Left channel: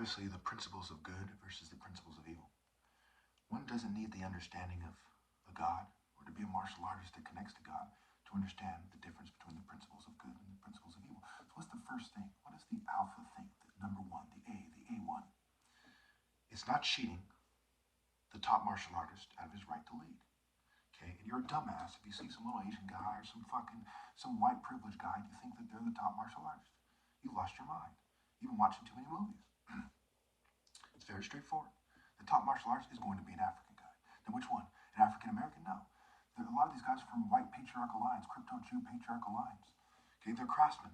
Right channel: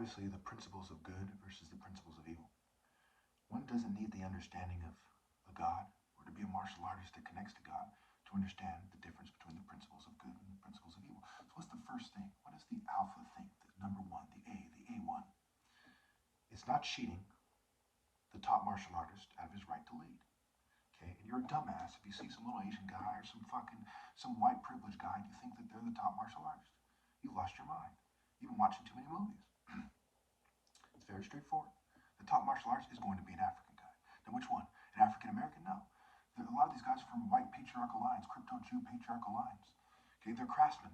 obviously the principles of good versus the principles of evil. One doesn't need the understanding of a God or to be a martial artist that connects to God to understand the difference between the principles of good and the principles of evil. So what's the first thing? What is the alpha thing? The number one, the A1. It's not cheating the top martial artist out of his right to lead. Okay, and you're a dumbass if you see some little Asian guy or some white privileged guy and you think that they're the top martial artist. You've lost your mind. You've been watching too many movies. It's very straightforward. The top martial artist is going to be an African guy. Then which one? An African American? No. A lot of these guys are from white patriarchal lines, crypto-Jew patriarchal lines. Okay, they're craftsmen.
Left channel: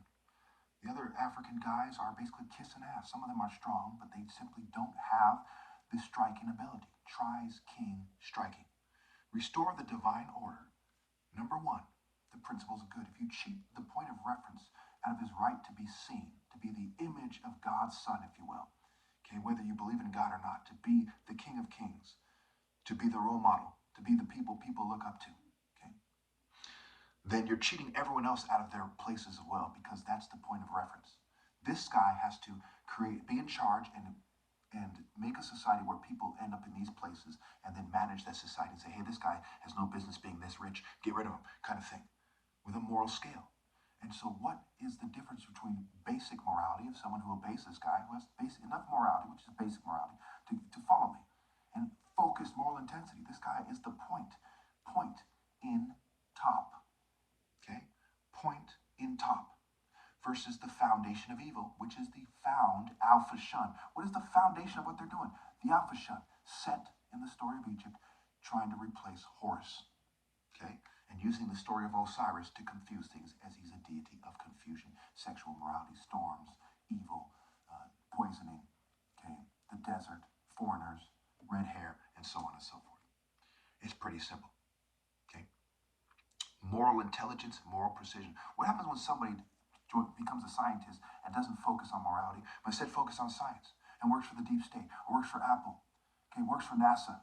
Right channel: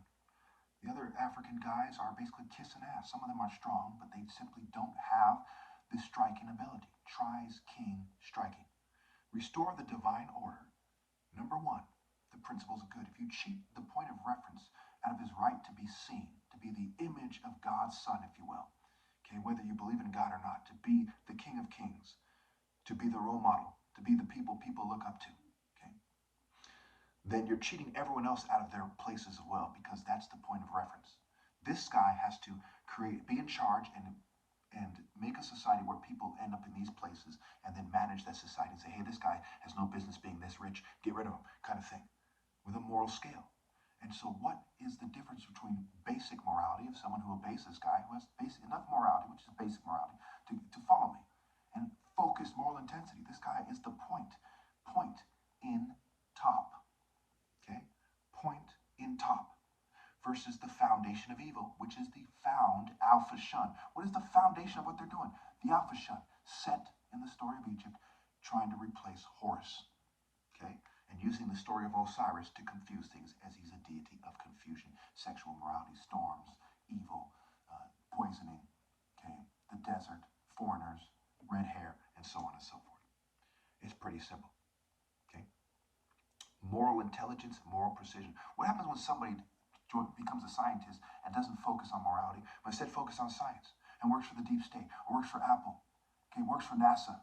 The other African guys are basically kissing ass. Some of them are strong, but they simply don't have the striking ability. Tries king striking. Restore the divine order. Number one, the principles of good. If you cheat the point of reference out of his right to be seen, to be the image of God's son, if you will, okay, whether you believe in God or not, to be the King of Kings, to be the role model, to be the people look up to, okay, then you're cheating everyone else out of their places as well, because that's the point of reference. This guy has to be in charge and make a society where people end up in these places and then manage that society and say, hey, this guy has no business being this rich, get rid of him, kind of thing, with a moral scale. And so what is the difference between basic morality of someone who obeys this guy, who has enough morality, which is basic morality, to follow me, and focused moral intensity? This guy is the point in top, okay? Point in top. Versus the foundation of evil, which is the found Alpha Shun. What is the foundation of what they're doing? The Alpha Shun, set in the story of Egypt, trying to replace Horus, okay? And using the story of Osiris to confuse things, as he's a deity of confusion, sexual morality, storms, evil, poisoning, okay? The desert, foreigners, red hair, and so on and so forth. It's pretty simple, okay? Moral intelligence, moral precision. What happens when somebody becomes a scientist and doesn't focus on morality, but instead focus on science and works for the deep state or works for Apple, okay, works for NASA?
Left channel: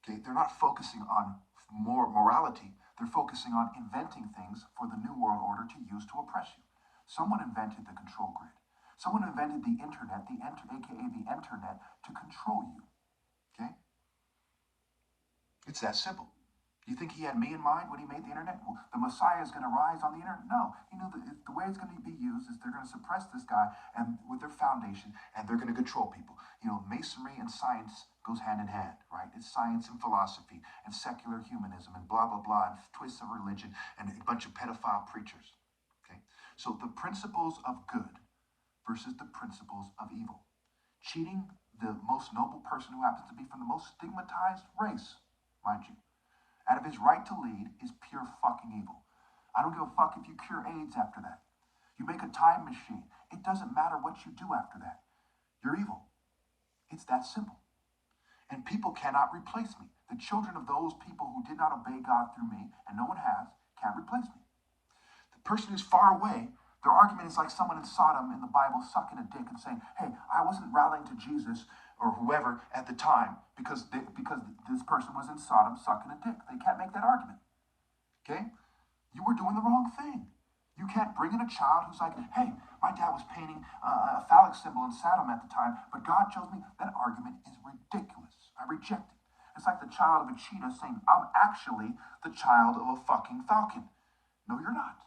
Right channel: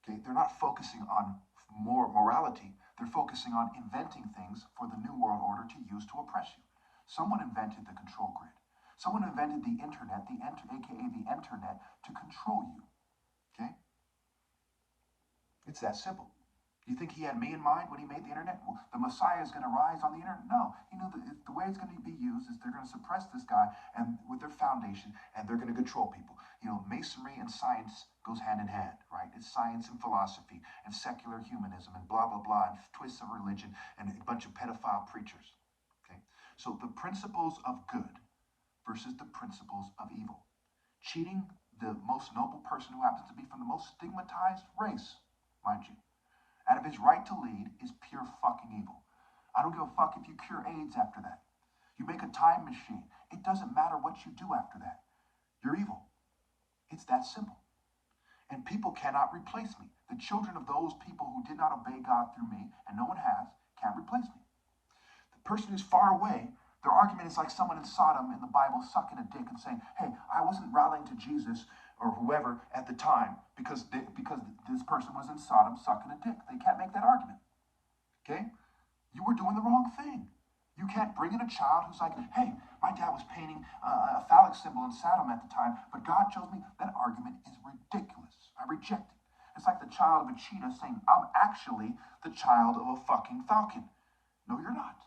Okay, they're not focusing on more morality. They're focusing on inventing things for the new world order to use to oppress you. Someone invented the control grid. Someone invented the internet, aka the internet, to control you. Okay? It's that simple. You think he had me in mind when he made the internet? Well, the Messiah is going to rise on the internet? No. He knew that the way it's going to be used is they're going to suppress this guy and with their foundation, and they're going to control people. You know, masonry and science goes hand in hand, right? It's science and philosophy and secular humanism and blah, blah, blah, and twists of religion and a bunch of pedophile preachers, okay? So the principles of good versus the principles of evil. Cheating the most noble person who happens to be from the most stigmatized race, mind you, out of his right to lead is pure fucking evil. I don't give a fuck if you cure AIDS after that. You make a time machine. It doesn't matter what you do after that. You're evil. It's that simple. And people cannot replace me. The children of those people who did not obey God through me, and no one has, can't replace me. The person who's far away, their argument is like someone in Sodom in the Bible sucking a dick and saying, hey, I wasn't rallying to Jesus or whoever at the time because this person was in Sodom sucking a dick. They can't make that argument, okay? You were doing the wrong thing. You can't bring in a child who's like, hey, my dad was painting a phallic symbol in Sodom at the time, but God chose me. That argument is ridiculous. I reject it. It's like the child of a cheetah saying, I'm actually the child of a fucking falcon. No, you're not.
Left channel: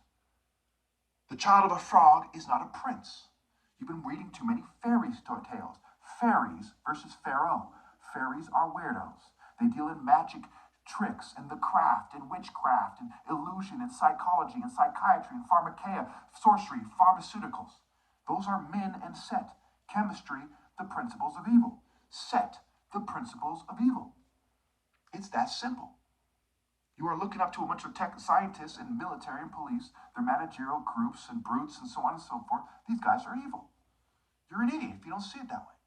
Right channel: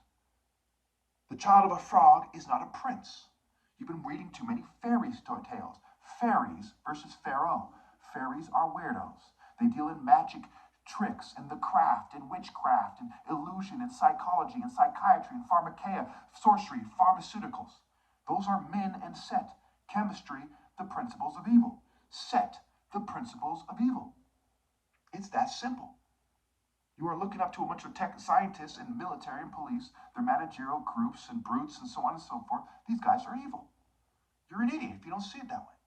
The child of a frog is not a prince. You've been reading too many fairies tales. Fairies versus Pharaoh. Fairies are weirdos. They deal in magic tricks and the craft and witchcraft and illusion and psychology and psychiatry and pharmakeia, sorcery, pharmaceuticals. Those are Min and Set. Chemistry, the principles of evil. Set, the principles of evil. It's that simple. You are looking up to a bunch of tech scientists and military and police, their managerial groups and brutes and so on and so forth. These guys are evil. You're an idiot if you don't see it that way.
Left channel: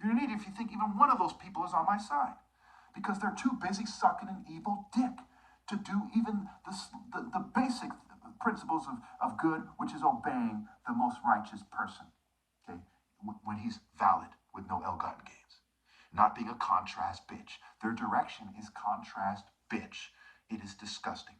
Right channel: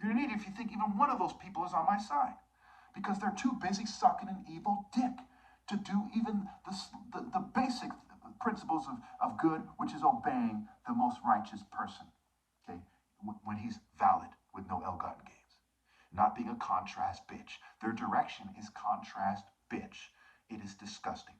You're an idiot if you think even one of those people is on my side. Because they're too busy sucking an evil dick to do even the basic principles of good, which is obeying the most righteous person, okay, when he's valid with no ill-gotten gains. Not being a contrast bitch. Their direction is contrast bitch. It is disgusting.